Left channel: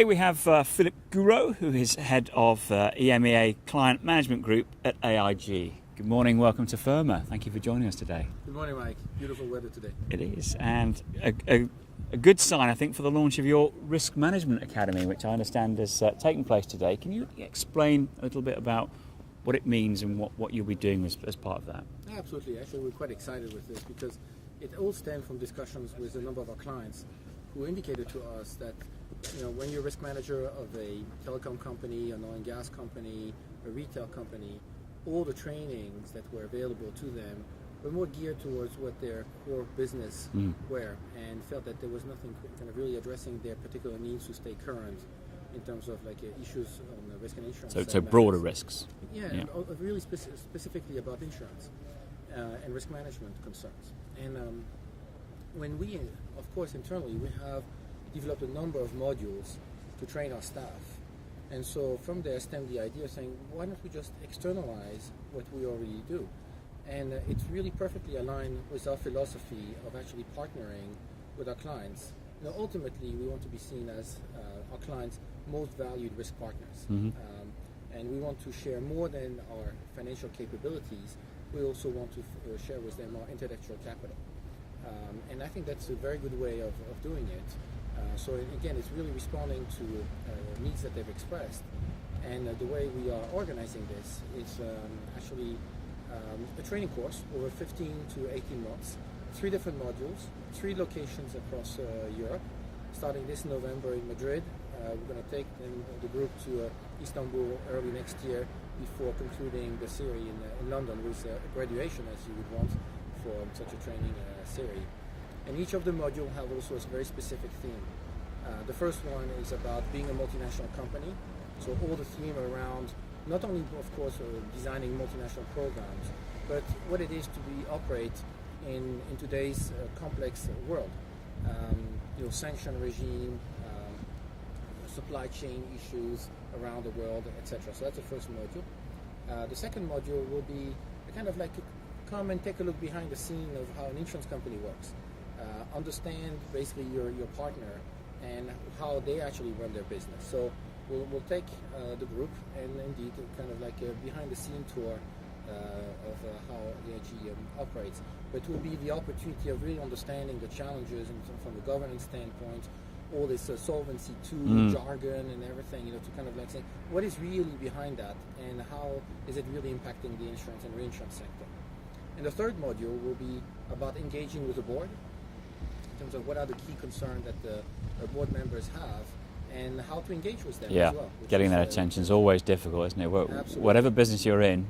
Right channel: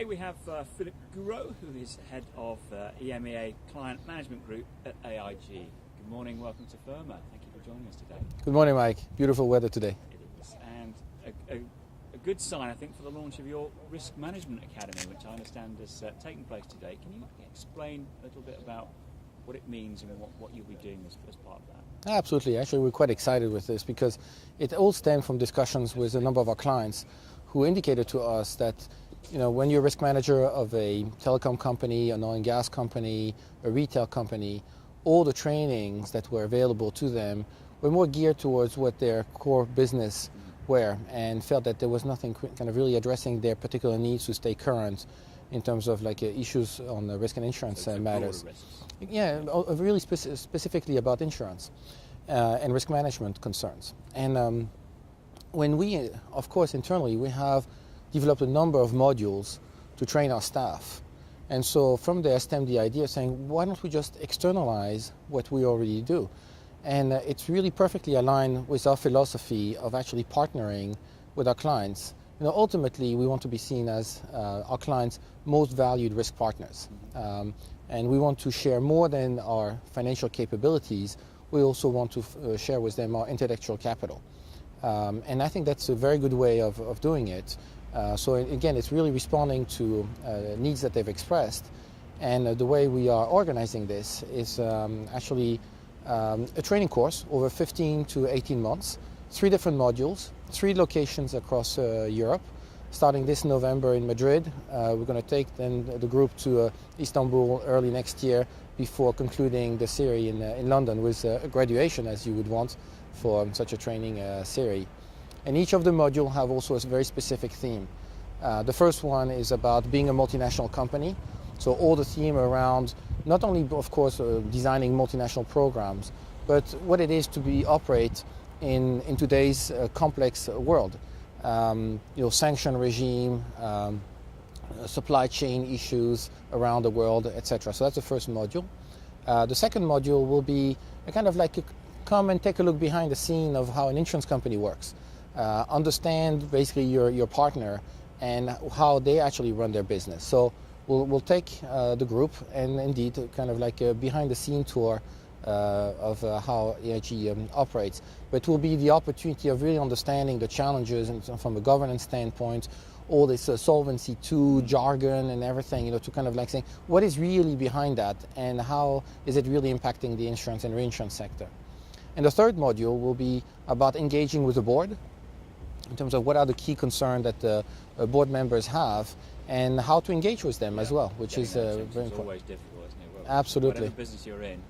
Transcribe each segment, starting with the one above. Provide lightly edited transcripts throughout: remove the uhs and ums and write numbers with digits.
Here we have Philippe Gouraud, who is head of EMEA Client Management Group at AIG. Good morning, welcome to Ferma. Thank you for joining us today. Good morning, Mike. Beautiful weather today. It is, and a good sign, I think, for the launch of your Risk Management Academy, which I understand is taking place today. Can you explain a little bit about what it means and what you'll be doing as part of that? Absolutely. Actually, we're quite excited with this because it all stemmed from discussions with a number of our clients who indicated to us that when you're a risk manager of a telecom company, an oil and gas company, a retail company, all the trainings that were available to them were more geared towards what their core business were, and felt that there was nothing kind of really addressing their particular needs to stay current in terms of issues on the risk and insurance. So broader risks. Yeah. Really specifically about insurance and risk management concerns. And when we, of course, internally, we have developed a number of modules to train our staff. And so from there stemmed the idea of saying, why don't we just externalize what we already do? And it's really perfectly aligned with our philosophy of actually partnering with our clients. Ultimately, we want to be seen as our clients' most valued risk partners. And we want to share more than our financial capabilities. We also want to share with them our intellectual capital. And I think that's a very good way of doing it. So again, it's really responding to needs that they've expressed. And the way we are organizing this is actually a training course over 15 to 18 months, 3 different modules, 3 locations across Europe. Starting this November in Madrid, we're going to take then the group to Istanbul early next year before concluding the series in London with a graduation, as you would want for such a training series. And each of the modules have also a very specific theme. The first one is about being a multinational company. So all the theme around not only, of course, designing multinational programs, but what it is to operate in today's complex world. Sanction regime, supply chain issues around the world, etc. So that's the first module. The second module will be come and take a look behind the scene of how an insurance company works. Understand basically your partner and how they actually run their business. So we'll take the group and indeed behind the scene tour of how AIG operates. But it will be the opportunity of really understanding the challenges from a governance standpoint, all this Solvency II jargon and everything, to saying what is really behind that and how is it really impacting the insurance and reinsurance sector. And the third module will be about engaging with the board in terms of what are the key concerns that the board members have and how to engage with them as well. Getting that attention is always difficult, isn't it? Absolutely. Whatever business you're in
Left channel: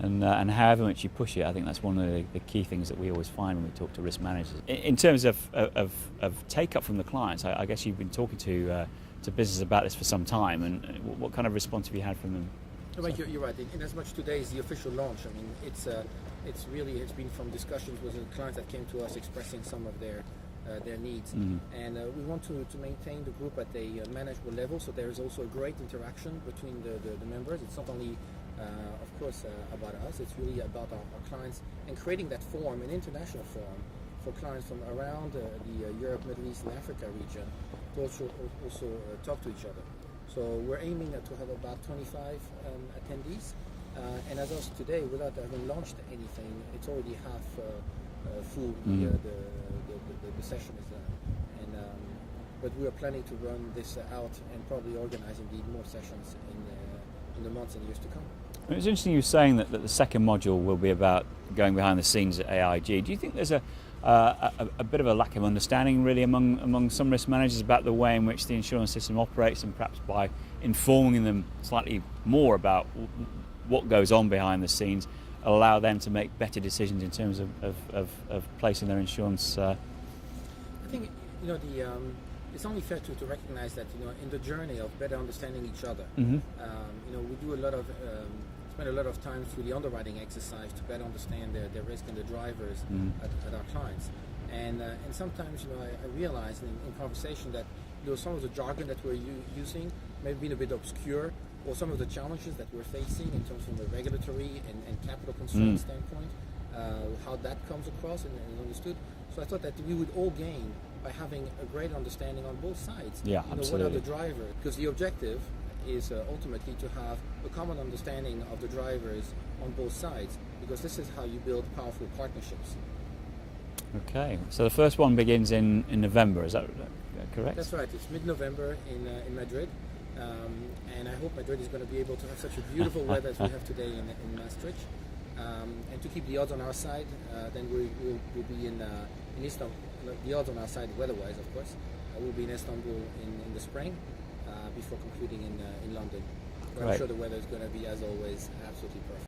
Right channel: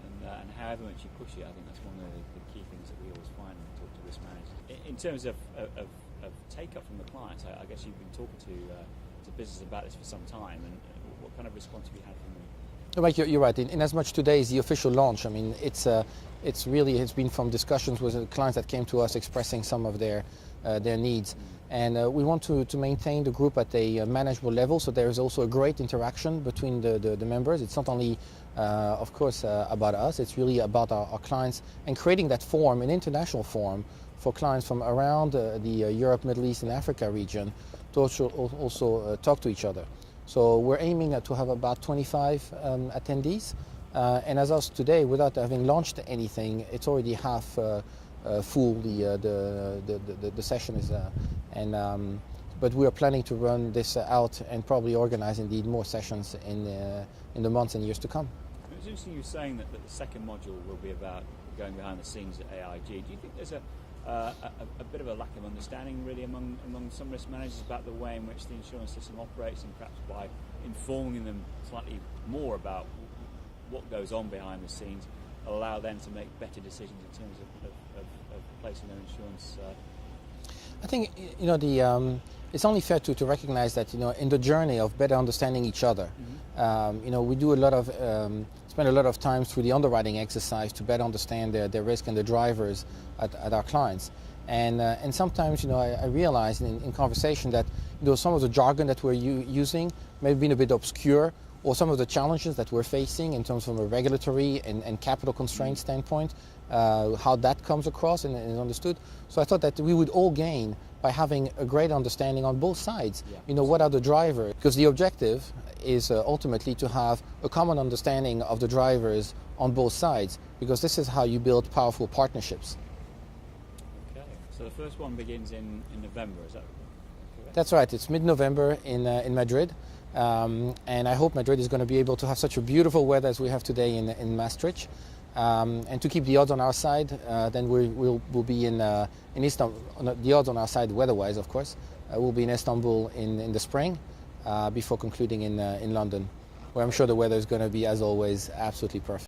and however much you push it, I think that's one of the key things that we always find when we talk to risk managers. In terms of take-up from the clients, I guess you've been talking to businesses about this for some time, and what kind of response have you had from them? Mike, you're right. In as much today is the official launch. I mean, it's been from discussions with clients that came to us expressing some of their needs. And we want to maintain the group at a manageable level, so there is also a great interaction between the members. It's not only, of course, about us, it's really about our clients, and creating that forum, an international forum, for clients from around the Europe, Middle East and Africa region to also talk to each other. So we're aiming to have about 25 attendees. And as of today, without having launched anything, it's already half full. The session is, but we are planning to run this out and probably organize indeed more sessions in the months and years to come. It's interesting you saying that the second module will be about going behind the scenes at AIG. Do you think there's a bit of a lack of understanding really among some risk managers about the way in which the insurance system operates, and perhaps by informing them slightly more about what goes on behind the scenes, allow them to make better decisions in terms of placing their insurance? I think it's only fair to recognize that in the journey of better understanding each other, we do spend a lot of time through the underwriting exercise to better understand their risk and the drivers at our clients. And sometimes I realize in conversation that some of the jargon that we're using may have been a bit obscure, or some of the challenges that we're facing in terms of a regulatory and capital constraint standpoint, how that comes across and is understood. So I thought that we would all gain by having a great understanding on both sides. Yeah, What are the drivers? Because the objective is ultimately to have a common understanding of the drivers on both sides, because this is how you build powerful partnerships. Okay, so the first one begins in November, is that correct? That's right, it's mid-November in Madrid, and I hope Madrid is going to be able to have such a beautiful weather as we have today in Maastricht. And to keep the odds on our side, then we'll be in Istanbul. The odds on our side, weather-wise, of course, we'll be in Istanbul in the spring, before concluding in London, where I'm sure the weather is going to be, as always, absolutely perfect.